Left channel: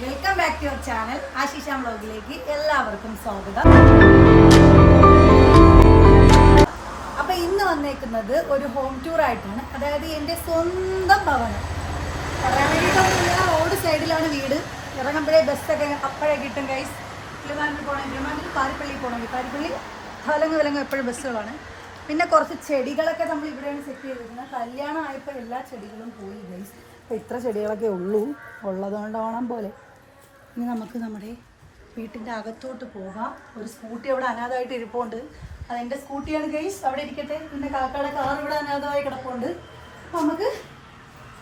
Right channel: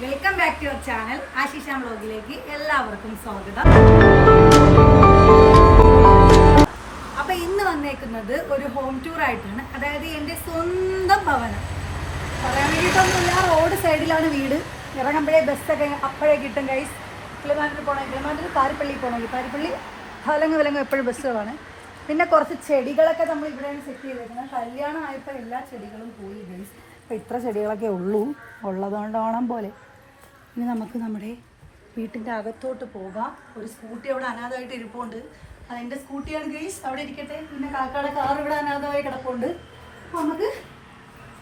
Welcome back to your channel Ashisha വ്ലോഗിലേക്ക് എല്ലാവർക്കും സ്വാഗതം. അപ്പൊ ഇന്ന് വന്നേക്കുന്നത് ഒരു ഹോം ടൂർ ആയിട്ടാണ്. അതായത് എൻ്റെ സ്വന്തം ഭവനം പറയാൻ വേണ്ടിയിട്ടൊന്നുമില്ല. റോഡ് സൈഡിലാണ് വീട്. ഇറങ്ങുമ്പോഴേ ബസ്സൊക്കെ അപ്പോഴേ കിട്ടും. ഗൈസ് തിരുവനന്തപുരം പോകണമെങ്കിൽ പാരിപ്പള്ളി പോകണമെങ്കിൽ പാരിപ്പള്ളി വിലങ്ങും എപ്പോഴും ബസ്സുകളാണ്. പിന്നെ കുറച്ച് ചെടികളൊക്കെ നമ്മൾ ഇവിടെയാണ് സെറ്റ് ചെയ്തേക്കുന്നത്. കല്യാണം ആയപ്പോൾ എല്ലാ ചെടികളും പോയി ഗൈസ്. അപ്പോൾ ഇത്ര ചെടികളൊക്കെ ഉള്ളതുകൊണ്ട് ഓണം പോലെ. ഇനി നമുക്ക് നമ്മുടെ വീട്ടിൻ്റെ അകത്തോട്ട് പോകാം. ഒരു സ്കൂട്ടി അവിടെ അനാഥമായിട്ട് ഇരിപ്പുണ്ട്. അതെൻ്റെ സ്കൂട്ടിയാണ് ഗൈസ്, അവിടെ ഇരിക്കട്ടെ. പിന്നെ കാക്കയുടെ കാർ ഇവിടെ അനാഥമായി കിടപ്പുണ്ട്. അപ്പോൾ നമുക്ക്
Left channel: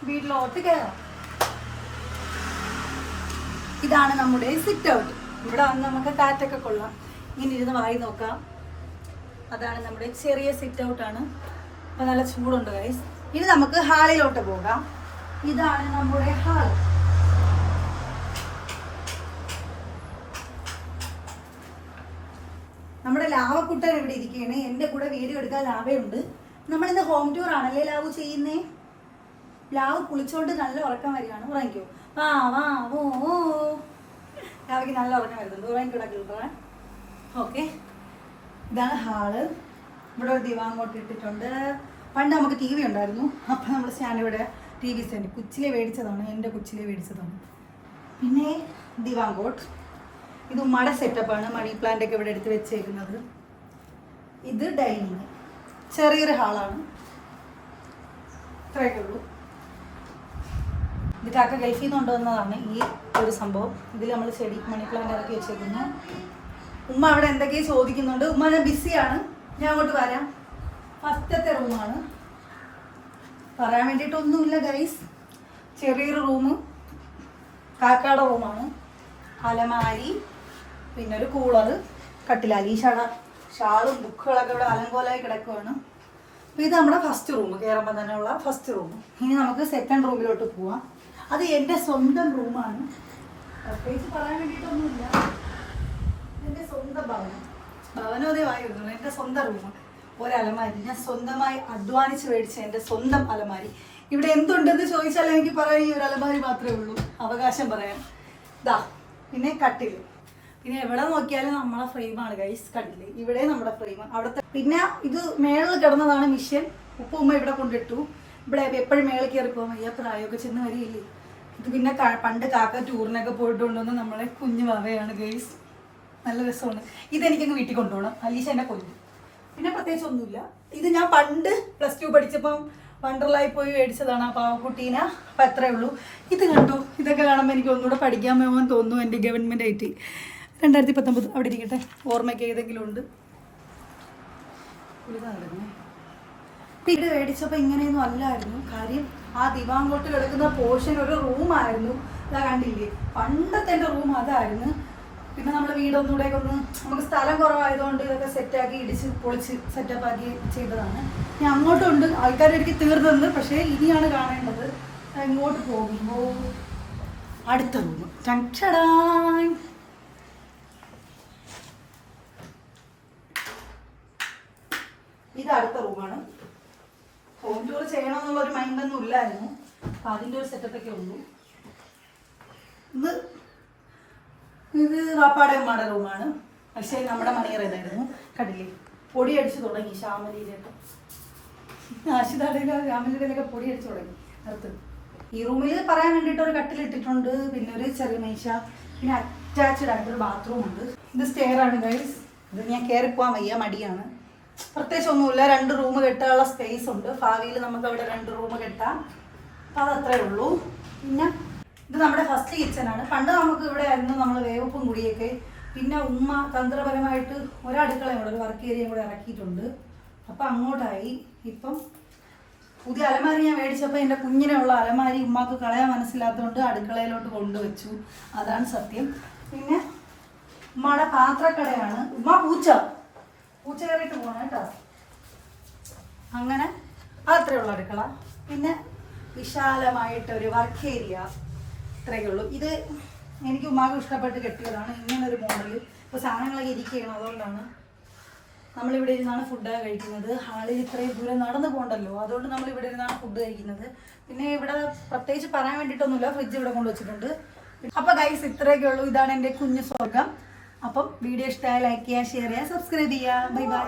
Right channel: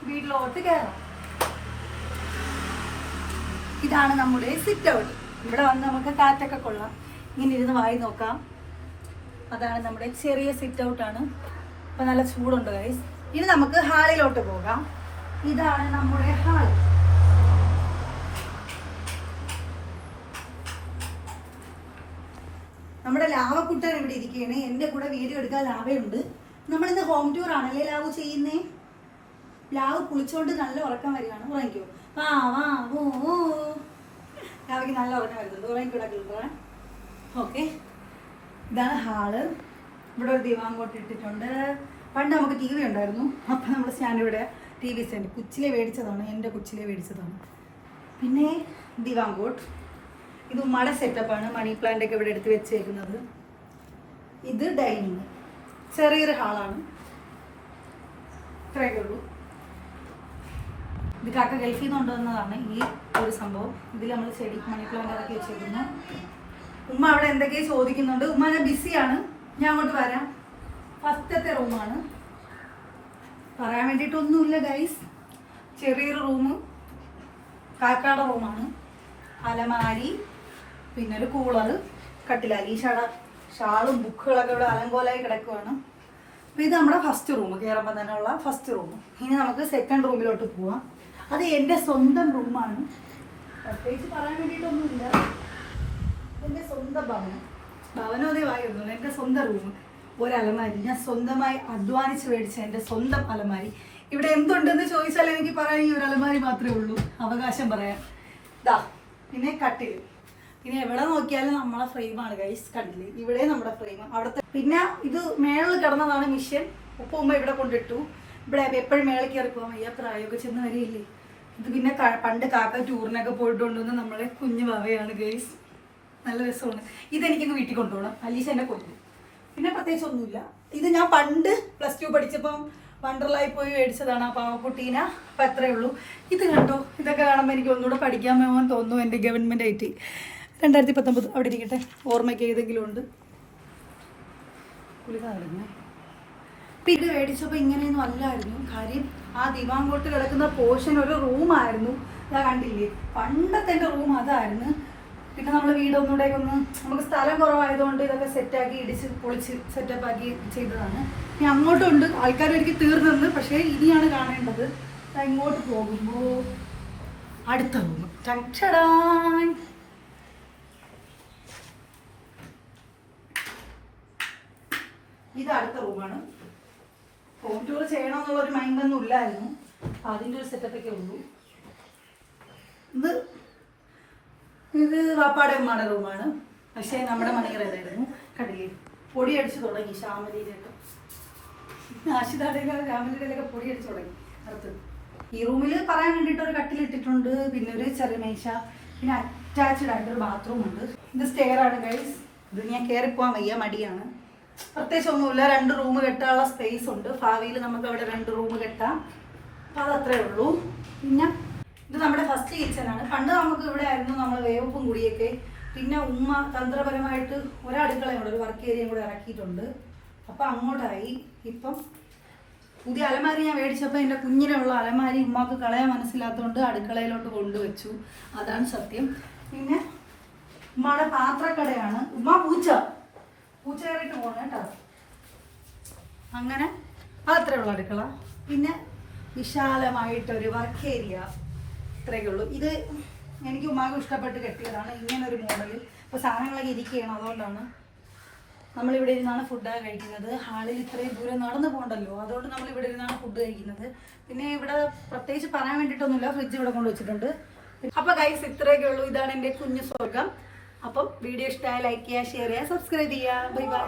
വീട്ടിലോട്ട് കയറാം. ഇതാണ് നമ്മുടെ സിറ്റ് ഔട്ട്. ഇവിടെ വന്ന് നമുക്ക് കാറ്റൊക്കെ കൊള്ളാം. ഇങ്ങനെ ഇരുന്ന് വായി നോക്കാം. അതാണ് നമ്മുടെ ചെറിയ സിറ്റ് ഔട്ടാണ്. അപ്പോൾ നല്ല ചൂടുണ്ട് ഗൈസ്. ഇനി നമുക്ക് ഹാളിലോട്ട് പോകാം. ഇതാണ് നമ്മുടെ ഹാൾ. നമ്മുടെ ലാവക്കുട്ടൻ ഇവിടെ ഇരിക്കുകയാണ്. എൻ്റെ കൂടെ വീഡിയോ എടുക്കാൻ ലാവയുണ്ട്. നമ്മളിന്ന് ഹോം ടൂർ ആണല്ലേ ലാവു ചെയ്യുന്നേ. ലാവ് കുളിച്ചോണ്ട് നല്ല ഉറക്കം വരികയാണ്. ഉറങ്ങിക്കോ. വാ വാ ഓ ലാവയ്ക്ക് നല്ല ഉറക്കം വരുന്നുണ്ട്. ഉറങ്ങിക്കൂടാ. ഓക്കെ, ഇതാണ് ഹാള്. ഇവിടെ ഒരു ദിവാങ്കോട്ട് ഇട്ടിട്ടുണ്ട്. പണ്ട് നമുക്ക് TV ഉണ്ടായിരുന്നു. അപ്പം നമ്മൾ സ്റ്റാൻഡ് ഇവിടെ TV സ്റ്റാൻഡ് കൊച്ചിലെ മേടിച്ചതാണ്. എൻ്റെ കൊച്ചിലെ മേടിച്ചതാണ്. പിന്നെ ദിവാങ്കോട്ട്. ഇത് ഉമ്മയുടെ സെറ്റപ്പാണ്. മണി പ്ലാന്റ് ഒക്കെ ഇവിടെ എടുത്ത് വെച്ചേക്കുന്നത്. ഇത് ഡൈനിങ്. ചെറിയൊരു ഹാളാണ്. ഇത്രയൊക്കെ ഉള്ളൂ. ഇത് കാക്ക ഗൾഫിൽ നിന്ന് കൊണ്ടുവന്നതാണ് ഈ ഒരു സംഭവം. ഇതിൽ നമ്മൾ ചെടി മണി പ്ലാന്റ് ഇറക്കി വെച്ചേക്കുന്നു. ഉമ്മ അവിടെ എന്തൊക്കെയോ ചോദിക്കുന്നുണ്ട്. ഉമ്മ ഞാൻ ബിസിയാണ്, ഞാൻ അങ്ങോട്ട് വരാം. ഫസ്റ്റത്തെ റൂമാണ്. പറയാൻ വേണ്ടിയിട്ടൊന്നുമില്ല ഗൈസ്. ചെറിയൊരു റൂം. കാക്കയുടെ റൂമാണ്. അലമാരി, പിന്നെ ഒരു കൂളർ, കട്ടിലായി ഷാളും ബുക്കുകളൊക്കെ ഇവിടെ അലങ്കോലായി കിടക്കുകയാണ്. അപ്പോൾ ഇത് നമ്മുടെ ഫസ്റ്റ് റൂം, കയറുമ്പോൾ തന്നെയുള്ള ഫസ്റ്റ് റൂം. ഇനി നമുക്ക് സെക്കൻഡ് റൂമിലോട്ട് പോവാം. അത് എൻ്റെ സ്വന്തം റൂമാണ്. പ്രത്യേകിച്ച് പറയാൻ വേണ്ടിയിട്ടൊന്നുമില്ല. എൻ്റെ സ്വന്തം ഭവനോദയമായിരുന്നു. എൻ്റെ സ്വന്തം റൂം. ഒരു അലമാരി ഞാൻ സ്വന്തമായി അധ്വാനിച്ച് മേടിച്ച എൻ്റെ സ്വന്തം അലമാരി. ഇവിടെ എന്തുണ്ടെന്ന് ചോദിച്ചാൽ എനിക്ക് പറയാൻ ഈ ഒരു അലമാരി മാത്രമേ ഉള്ളൂ. അവകാശം പറയാം. ദാ പിന്നെ കട്ടിൽ. പിന്നെ എവിടെ നോക്കിയാലും നമ്മളെ ഫ്രെയിമാണ് ഗൈസ്. കട്ടില് ഇവിടെ നമ്മുടെ ഫ്രെയിം. അവിടുത്തെ പിന്നെ ഇത് മേളിൽ കിടന്നതാണ് മിഷ്യൻ. ഉപ്പ ഉമ്മ ഇവിടെ കൊണ്ടിട്ടു. ഇവിടെ എപ്പോഴും മേളിൽ കയറി പോകാൻ വയ്യ, പ്രായമൊക്കെ ചെന്ന് വരികയില്ലേ. ഇത് പിന്നെ പണ്ട് കാക്ക ടൂറിനൊക്കെ പോയിട്ടുണ്ടെന്ന് നമ്മളെ കുഞ്ഞു വകയാണ് ഗൈസ്. നല്ല രസമാണ്. ഇതെനിക്കങ്ങ് വീട്ടിൽ കൊണ്ടുപോകണം. അലീഷ എൻ്റെ കൊണ്ടു. പിന്നെ പ്രത്യേകിച്ച് ഒന്നുമില്ല. ഇത് ഞാൻ പണ്ട് +2 പഠിച്ചപ്പം വണ്ടർലായി പോയി മേടിച്ചതാണ് ആ പാവക്കുട്ടീന. അപ്പം അത്രേ ഉള്ളൂ. ഇത് കണ്ടു. ഇതൊക്കെ കാണുമ്പോൾ എനിക്ക് ഒന്നുകൂടെ പഠിക്കാൻ പോകാൻ തോന്നുന്നു. എൻ്റെ ഗവൺമെൻറ് IT 2019 അവിടെ ഇരിക്കട്ടെ. ഓർമ്മയ്ക്ക് ഏതെങ്കിലും ഉണ്ട്. ഇപ്പം ഇത് മേടിച്ചപ്പോൾ ഇങ്ങനെയൊന്നും അല്ലായിരുന്നു. കാര്യം ആ ദിവാങ്കോട്ട് കിടക്കുന്ന പോർഷൻ ഒരു റൂമായിരുന്നു. ഇതാ കണ്ടില്ലേ, പണ്ടത്തെ എൻ്റെ റൂം അതായിരുന്നു. പിന്നെ നമ്മൾ വീടൊന്നുകൂടെയൊക്കെ നമുക്ക് സ്ഥലം കുറവായതുകൊണ്ട് ഇതൊക്കെ സെറ്റാക്കി ഇടിച്ച് പൊളിച്ച് സെറ്റപ്പാക്കി ചെയ്തതാണ്. ഇനി അങ്ങോട്ടുണ്ട് ആൾക്കാർ ഒരിക്കൽ തീർന്നത്. പക്ഷേ ഇനിയാണ് കാണേണ്ടത്. ഇങ്ങോട്ട് പോകുമ്പോൾ അടുത്ത റൂം. ഇത് അടുത്ത റൂമാണ്. ഹോം ടൂർ ചെയ്യണമെന്നുള്ളൊരു മൈൻഡൊന്നും ഇല്ലായിരുന്നു. അപ്പം അതിൻ്റെ ഒരു സെറ്റപ്പൊക്കെ ഉള്ളൂ. ഇത് വാപ്പാടെ ഉമ്മാടെ റൂമാണ്. പക്ഷേ നമ്മുടെ മണിയർ തന്നെയായിരുന്നു. കണ്ടില്ലേ, പൊടി അടിച്ച് തുടങ്ങി. ശ്യാമലിയിലൊക്കെ ആശിതാടേക്ക് രാമലിയുടെയൊക്കെ പൊടി അടിച്ച് തുടങ്ങി അടുത്ത്. ഈ റൂമിൽ പറയാൻ വേണ്ടിയിട്ട് ഒരു കട്ടിലിട്ടിട്ടുണ്ട്. പിന്നെ ഒരു ചെറിയ മേശ, പിന്നെ അറ്റാച്ച്ഡ് ആയിട്ടൊരു ബാത്റൂം ഉണ്ട്. ഇത് സ്റ്റെയറാണ് ഗൈസ്. ഇത് ഞാൻ കയറിപ്പോവാൻ വയ്യ, മടിയാണ്. പ്രത്യേകിച്ച് ഒന്നുമില്ല. 2 റൂം കെട്ടാനുള്ള സ്പേസ് ഉണ്ട്. ഭാവിയിൽ നമുക്ക് അവിടെ 2 റൂം കെട്ടാം. അതത്രേ ഉള്ളൂ. പിന്നെ ഇത് നമ്മുടെ ഫസ്റ്റ് കിച്ചണാണ്. പണ്ട് നമുക്ക് ഇവിടെ ആയിരുന്നു നമ്മൾ വേവപ്പും കുടിയൊക്കെ. പിന്നെ ഉമ്മ തന്ത്രപരമായിട്ട് ഒരടുക്കളയും കൂടെ, ഒരു വർക്ക് ഏരിയയും കൂടെ ഇറക്കിയിട്ടുണ്ട്. അപ്പം അങ്ങോട്ടായി. ഇപ്പം പുതിയ അലമാരി ഞാൻ മേടിച്ചപ്പോൾ എൻ്റെ കുഞ്ഞിനുള്ള അലമാരി ഉമ്മക്ക് കളയാൻ മനസ്സിലാത്തതുകൊണ്ട് അടുക്കളയിലോട്ട് കൊണ്ടുവച്ചു. അതാണ് സത്യം. പിന്നെ ഉമ്മയുടെ പാത്രക്കടയാണ്. ഉമ്മ പൂച്ച കയറിയിട്ട് പോകണം കേട്ടോ. അങ്ങനെ അത്രേ ഉള്ളൂ അടുക്കള. പിന്നെ വിശാലമായിട്ടൊരു വർക്ക് ഏരിയ. ഇത്രയൊക്കെ ഉള്ളൂ. ഇത് എനിക്ക് ഉമ്മാക്ക് ഇഷ്ടപ്പെട്ട് കെട്ടിയതാണ്. ഇങ്ങനൊരു മോഡൽ. ഇപ്പോൾ സാധനങ്ങളൊക്കെ ഇരിക്കുകയാണ്. അതുകൊണ്ടാണ് നമ്മളിവിടെ ഇരുന്നാണ് ഫുഡൊക്കെ കഴിക്കുന്നത്. ഹാളിൽ ഇത്രയും ദൂരം നടന്നു പോകണ്ടല്ലോ, അതുകൊണ്ട് നമ്മളിവിടെ ഇരുന്നാണ് ഫുഡ് കഴിക്കുന്നത്. പിന്നെ ഇവിടെ പ്രത്യേകിച്ച് പറയാൻ വേണ്ടിയിട്ടൊന്നുമില്ല. ഫ്രിഡ്ജ് ഇവിടെ കൊണ്ട് വെച്ചിട്ടുണ്ട്. അപ്പൊ ഗൈസ് ഇത്രയൊക്കെ ഉള്ളൂ. ഇതാണ് എൻ്റെ കുഞ്ഞു സ്വർഗം. അപ്പം വീഡിയോ ഇഷ്ടമായി ലൈക്ക് ചെയ്യുക, ഷെയർ ചെയ്യുക, സബ്സ്ക്രൈബ് ചെയ്യുക. Bye bye.